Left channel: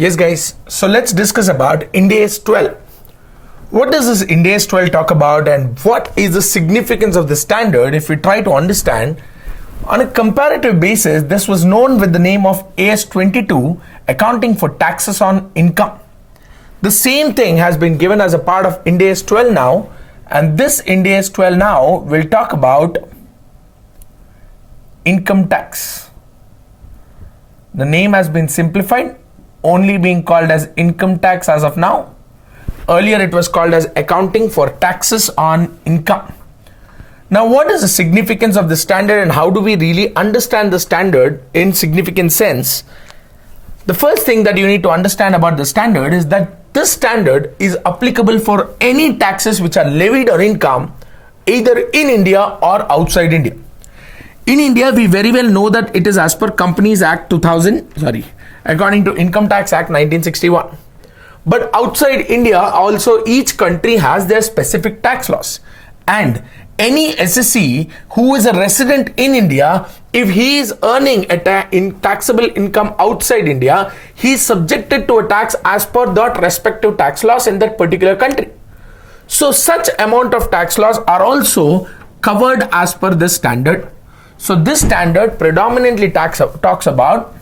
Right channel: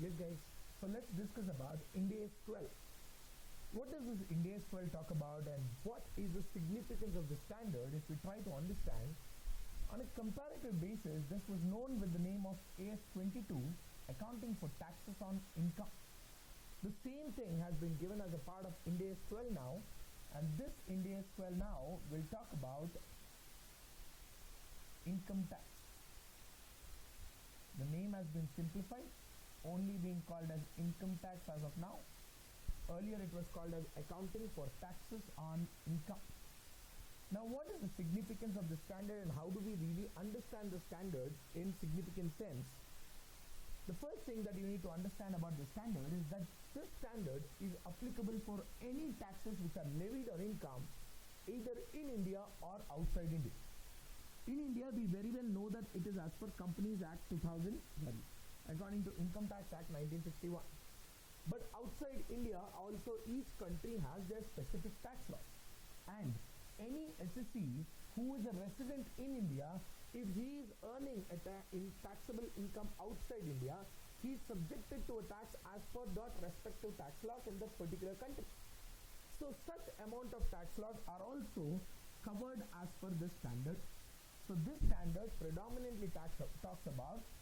Yes guys, so let's discuss about IND AS 12. What does this IND AS 12 talk about and what is the significance of the standard if we try to understand? On a comparative basis, this was known with the name of AS 22, accounting for taxes on income. The same thing has been given as a part of IND AS 12 now, and this IND AS 12 now will talk about income tax. The name has been simplified, only being called as income tax as of now. Earlier it was called as accounting for taxes on income. Now what is the significance of the standard and how do we really understand the standard in significant sense? The first thing that you need to understand about the standard is that this standard is applicable for any taxes which are levied or income either in India or outside India. In India, we very well know that it is as per Companies Act according to Income Tax Act 1961. But outside India, also each country has their specific tax laws. And any SSC who is a resident in India, if he is earning taxable income outside India, he is subjected to a tax as per that respective tax laws in that particular country. So such amount of tax laws are also covered as per this standard. So this standard predominantly talks about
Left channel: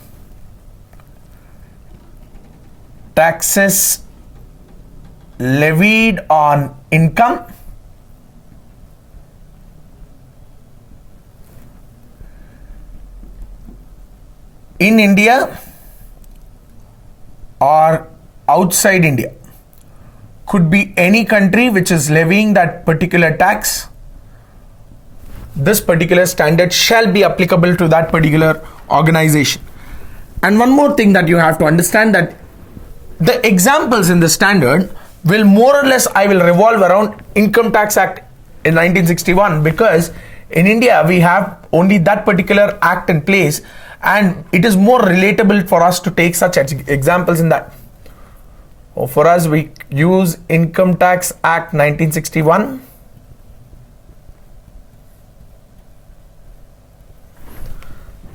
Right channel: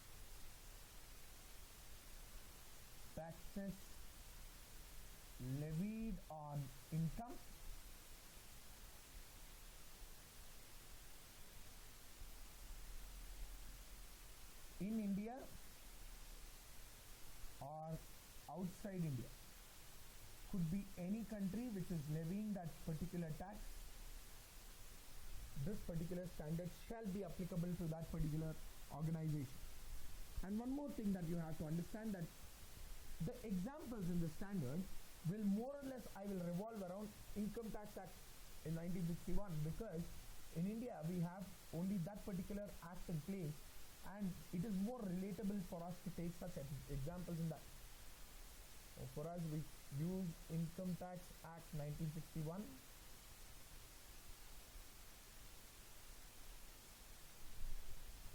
taxes levied on income in India or outside India. Could be any country which is levying that particular tax. This particular standard shall be applicable to that particular organization. And one more thing that you have to understand, that the examples in the standard will more or less revolve around Income Tax Act in 1961, because in India we have only that particular act in place and it is more relatable for us to take such examples in that. For us, we use Income Tax Act 1961.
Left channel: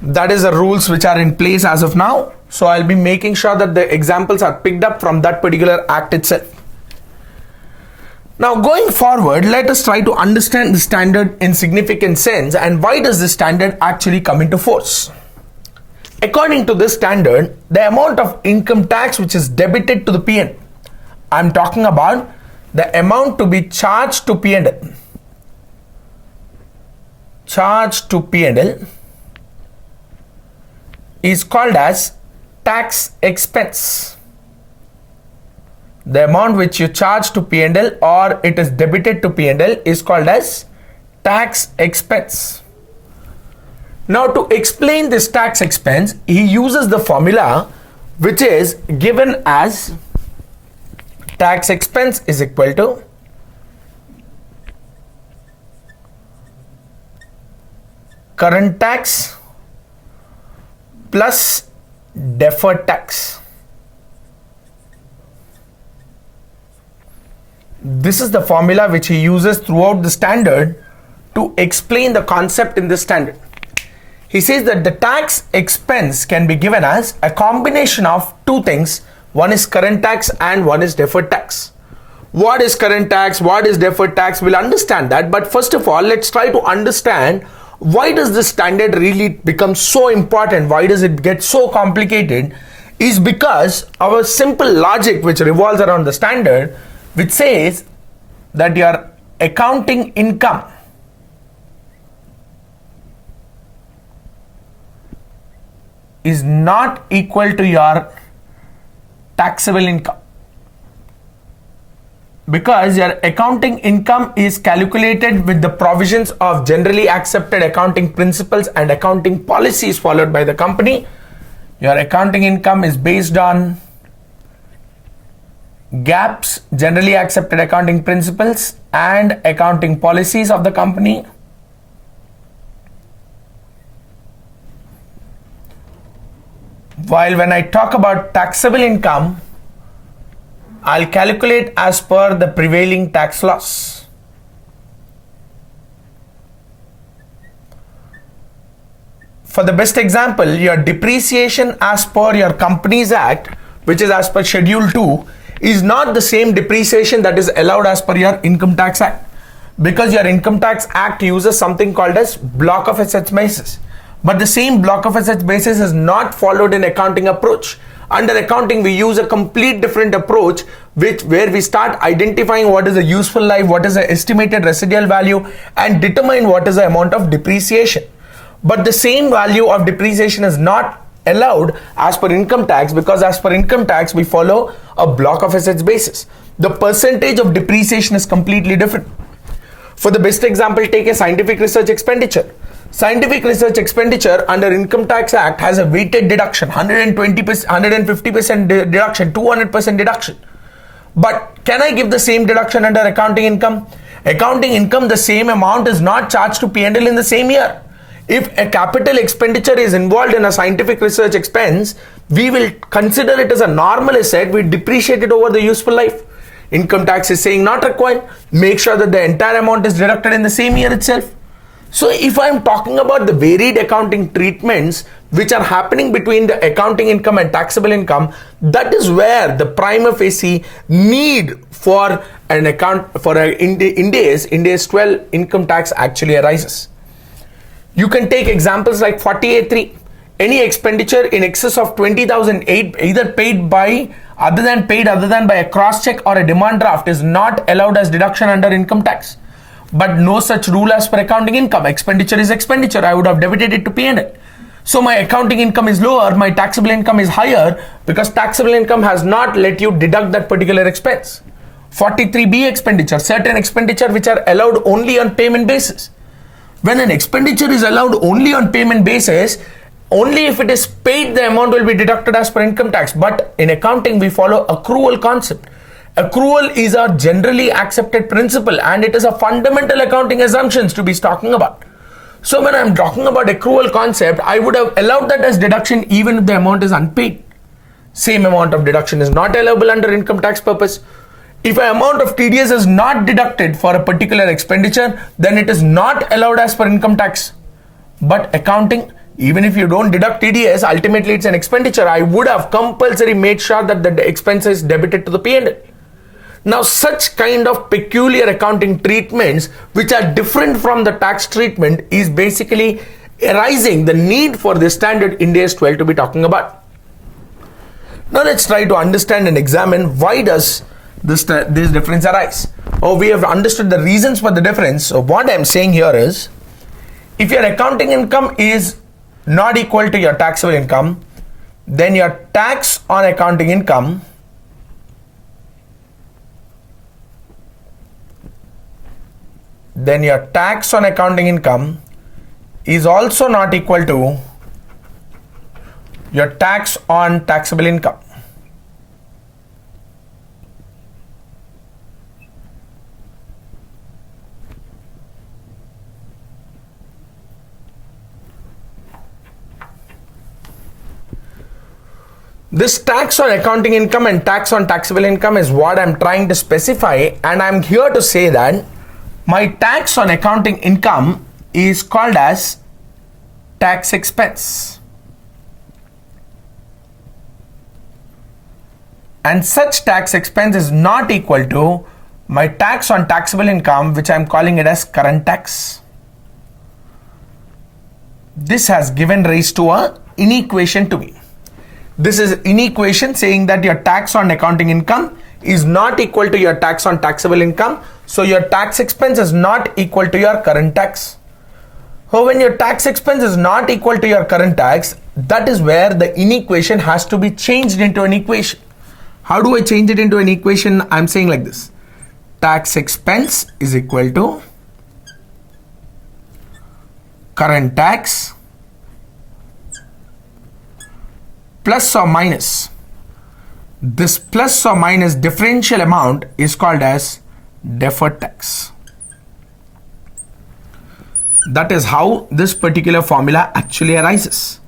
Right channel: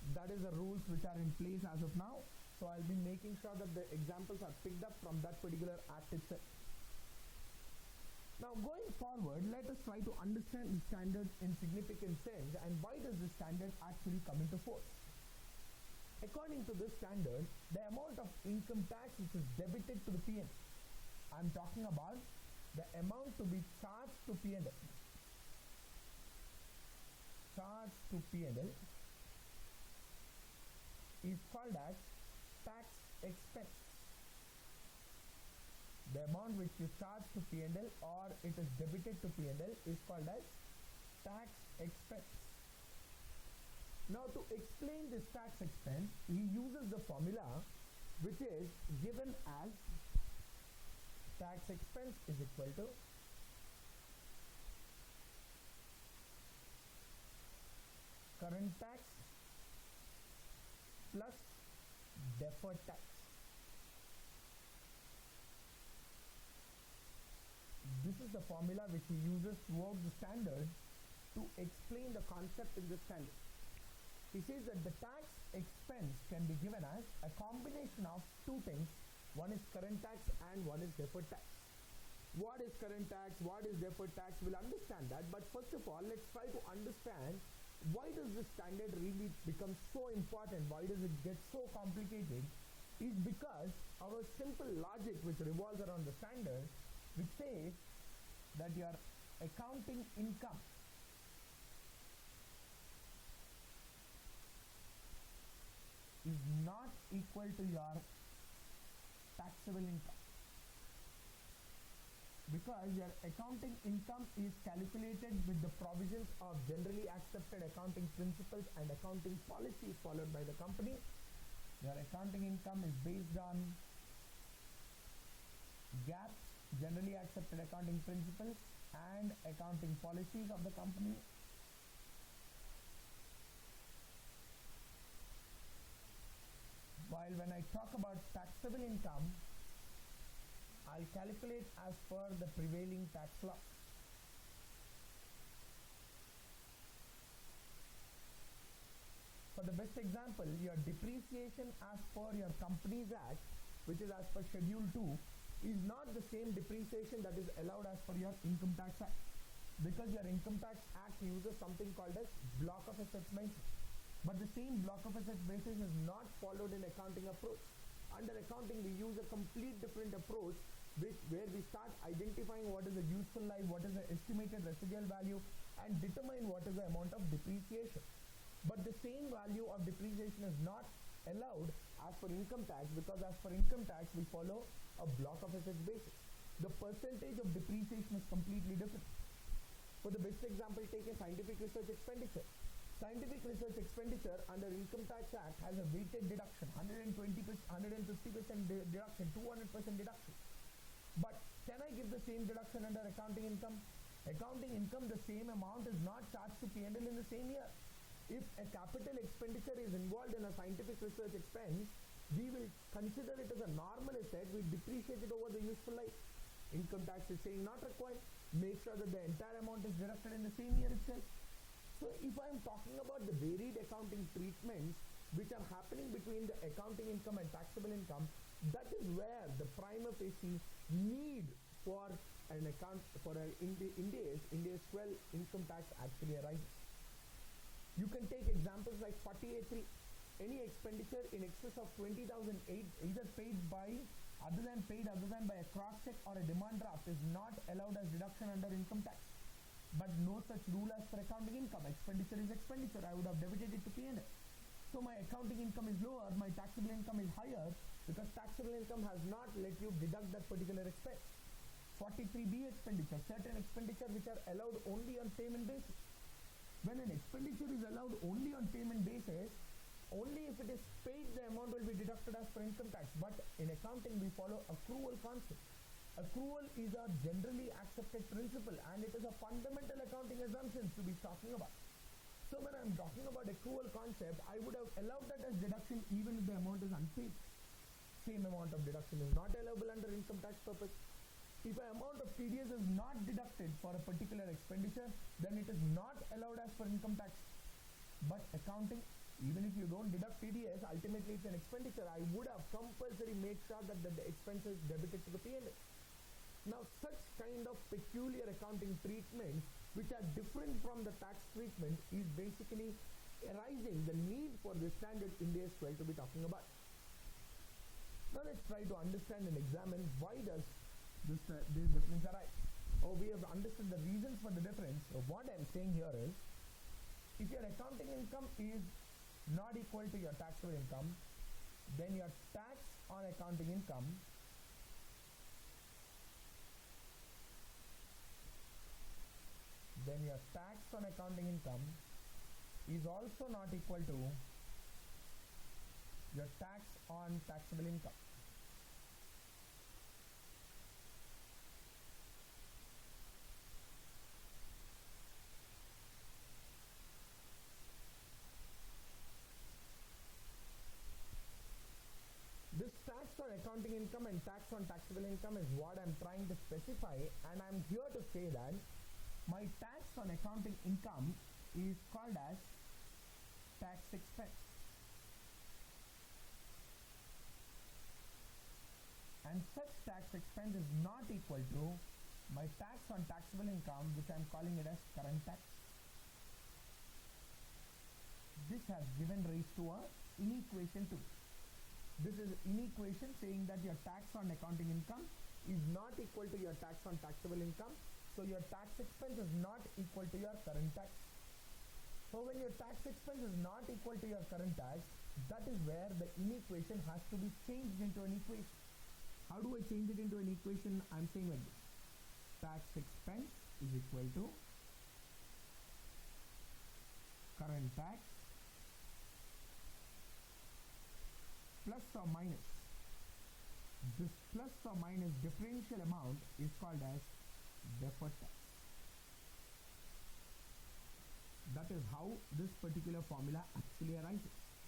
That is the rules which are in place as of now. So I'll be making sure that the examples are picked up from that particular act itself. Now going forward, let us try to understand the standard in significant sense and why does this standard actually come into force. According to this standard, the amount of income tax which is debited to the P&L, I'm talking about the amount to be charged to P&L, is called as tax expense. The amount which you charge to P&L or it is debited to P&L is called as tax expense. Now to explain this tax expense, he uses the formula which is given as tax expense is equal to current tax plus deferred tax. This is the formula which he uses throughout the standard to explain the concept in this standard. He says that the tax expense can be given as a combination of two things. One is current tax and one is deferred tax. What is current tax? What is deferred tax? We'll understand that. But first of all, let's try to understand why does this standard really become so important? Why does it get so complicated? Is because our simple logic which revolves around the standard, which says that your accounting income is not equal to your taxable income, because your accounting income is calculated with the provisions of generally accepted accounting principles and accounting policies followed by the company. Your accounting income is based on GAAP's generally accepted accounting principles and accounting policies of the company. While when I talk about taxable income, I'll calculate as per the prevailing tax laws. For the best example, your depreciation as per your Companies Act which is as per Schedule 2, is not the same depreciation that is allowed as per your Income Tax Act. Because your Income Tax Act uses something called as block of assets basis. But the same block of assets basis is not followed in accounting approach. Under accounting, we use a complete different approach where we start identifying what is the useful life, what is the estimated residual value, and determine what is the amount of depreciation. But the same value of depreciation is not allowed as per income tax, because as per income tax, we follow a block of assets basis. The percentage of depreciation is completely different. For the best example, take a scientific research expenditure. Scientific research expenditure under Income Tax Act has a weighted deduction, 120%, 150% deduction, 200% deduction. But can I give the same deduction under accounting income? Accounting income, the same amount is not charged to P&L in the same year. If a capital expenditure is involved in a scientific research expense, we will consider it as a normal asset, we depreciate it over the useful life. Income tax is saying not required. Make sure that the entire amount is deducted in the same year itself. So if I'm talking about the varied accounting treatments which are happening between the accounting income and taxable income, that is where the prima facie need for an account for Ind AS 12 income tax actually arises. You can take examples like 48.3. Any expenditure in excess of 20,008 either paid by other than by a cross check or a demand draft is not allowed as deduction under income tax. But no such rule as per accounting income. Expenditure is expenditure. I would have debited it to P&L. So my accounting income is lower, my taxable income is higher, because taxable income has not let you deduct that particular expense. 43B expenditure, certain expenditure which are allowed only on payment basis. When an expenditure is allowed only on payment basis, only if it is paid the amount will be deducted as per income tax. But in accounting we follow accrual concept. Accrual is a generally accepted principle and it is a fundamental accounting assumptions to be talking about. So when I'm talking about accrual concept, I would have allowed that as deduction even if the amount is unpaid. Same amount of deduction is not allowable under income tax purpose. If an amount of TDS is not deducted for a particular expenditure, then it is not allowed as per income tax. But accounting, even if you don't deduct TDS, ultimately it's an expenditure. I would have compulsory made sure that the expense is debited to the P&L. Now, such kind of peculiar accounting treatments, which are different from the tax treatment, is basically arising the need for the standard Ind AS 12 to be talking about. Now, let's try to understand and examine why does this difference arise. We have understood the reasons for the difference. So, what I'm saying here is, if your accounting income is not equal to your taxable income, then your tax on accounting income is also not equal to your tax on taxable income. This tax on accounting income and tax on taxable income is what I'm trying to specify, and I'm here to say that my tax on accounting income is called as tax expense. And such tax expense is not equal to my tax on taxable income, which I'm calling it as current tax. This has given rise to an inequation to me. This is inequation saying that your tax on accounting income is not equal to your tax on taxable income. So your tax expense is not equal to your current tax. So when your tax expense is not equal to your current tax, that is where the inequation has to be changed into an equation. How do I change it into an equation? I'm saying like this. Tax expense is equal to current tax plus or minus. This plus or minus differential amount is called as deferred tax. That is how this particular formula actually arises.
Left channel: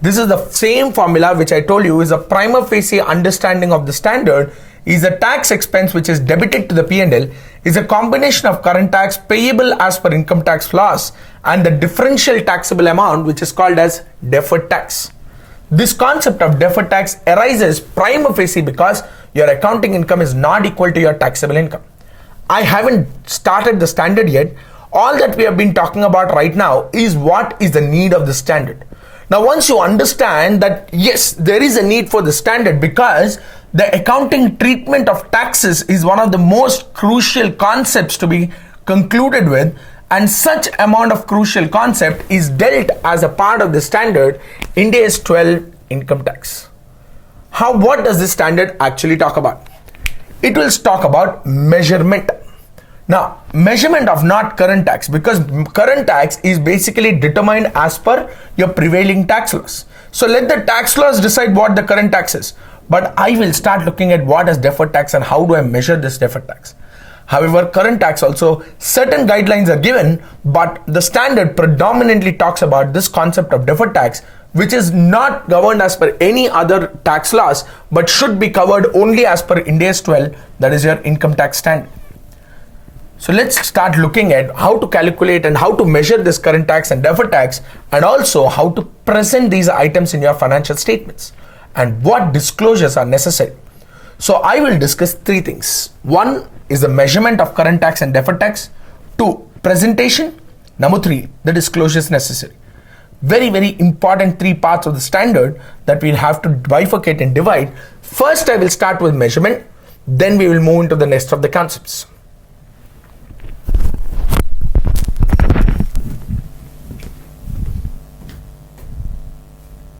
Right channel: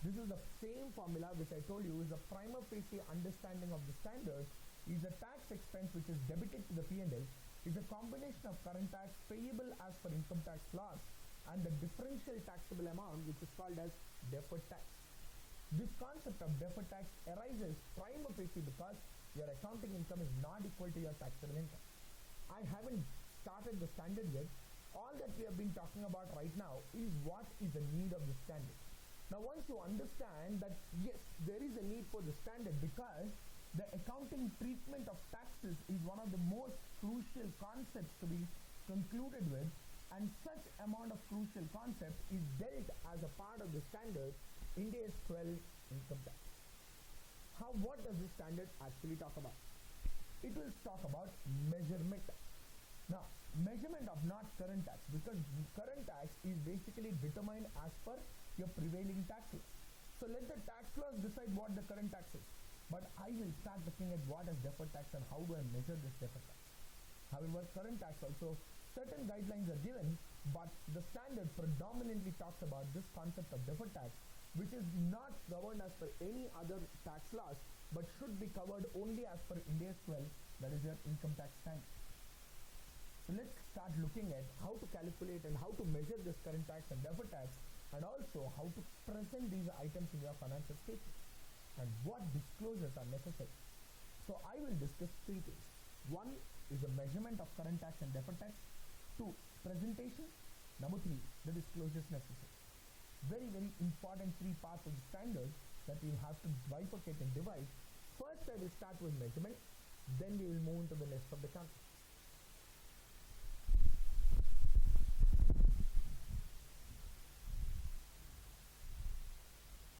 This is the same formula which I told you is a prima facie understanding of the standard. Is a tax expense which is debited to the P&L is a combination of current tax payable as per income tax laws and the differential taxable amount which is called as deferred tax. This concept of deferred tax arises prima facie because your accounting income is not equal to your taxable income. I haven't started the standard yet. All that we have been talking about right now is what is the need of the standard. Now, once you understand that, yes, there is a need for the standard because the accounting treatment of taxes is one of the most crucial concepts to be concluded with, and such amount of crucial concept is dealt as a part of the standard IND AS 12 income tax. What does this standard actually talk about? It will talk about measurement. Now, measurement of not current tax, because current tax is basically determined as per your prevailing tax laws. So let the tax laws decide what the current tax is. But I will start looking at what is deferred tax and how do I measure this deferred tax. However, current tax also, certain guidelines are given, but the standard predominantly talks about this concept of deferred tax, which is not governed as per any other tax laws, but should be covered only as per IND AS 12, that is your income tax standard. So let's start looking at how to calculate and how to measure this current tax and deferred tax, and also how to present these items in your financial statements and what disclosures are necessary. So I will discuss three things. One is the measurement of current tax and deferred tax. Two, presentation. Number three, the disclosures necessary. Very, very important three parts of the standard that we'll have to bifurcate and divide. First, I will start with measurement. Then we will move into the rest of the concepts.